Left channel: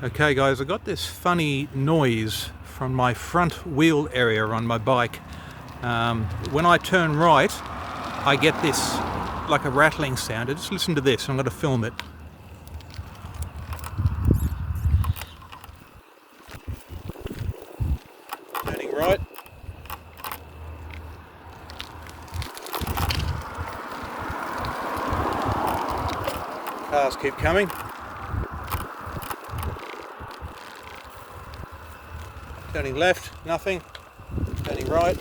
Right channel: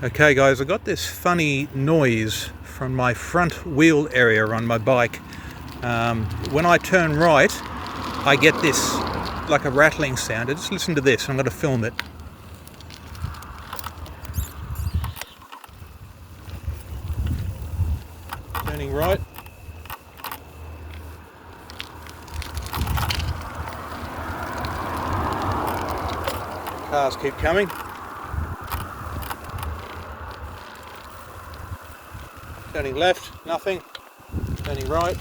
Okay guys, I got this funny noise from my front wheel area on my bike. When I turn right, I get this like a rattling sound. Just listen to this. I'm going to film it. Turning right. Cars keep coming. Turning left, nothing. Turning right.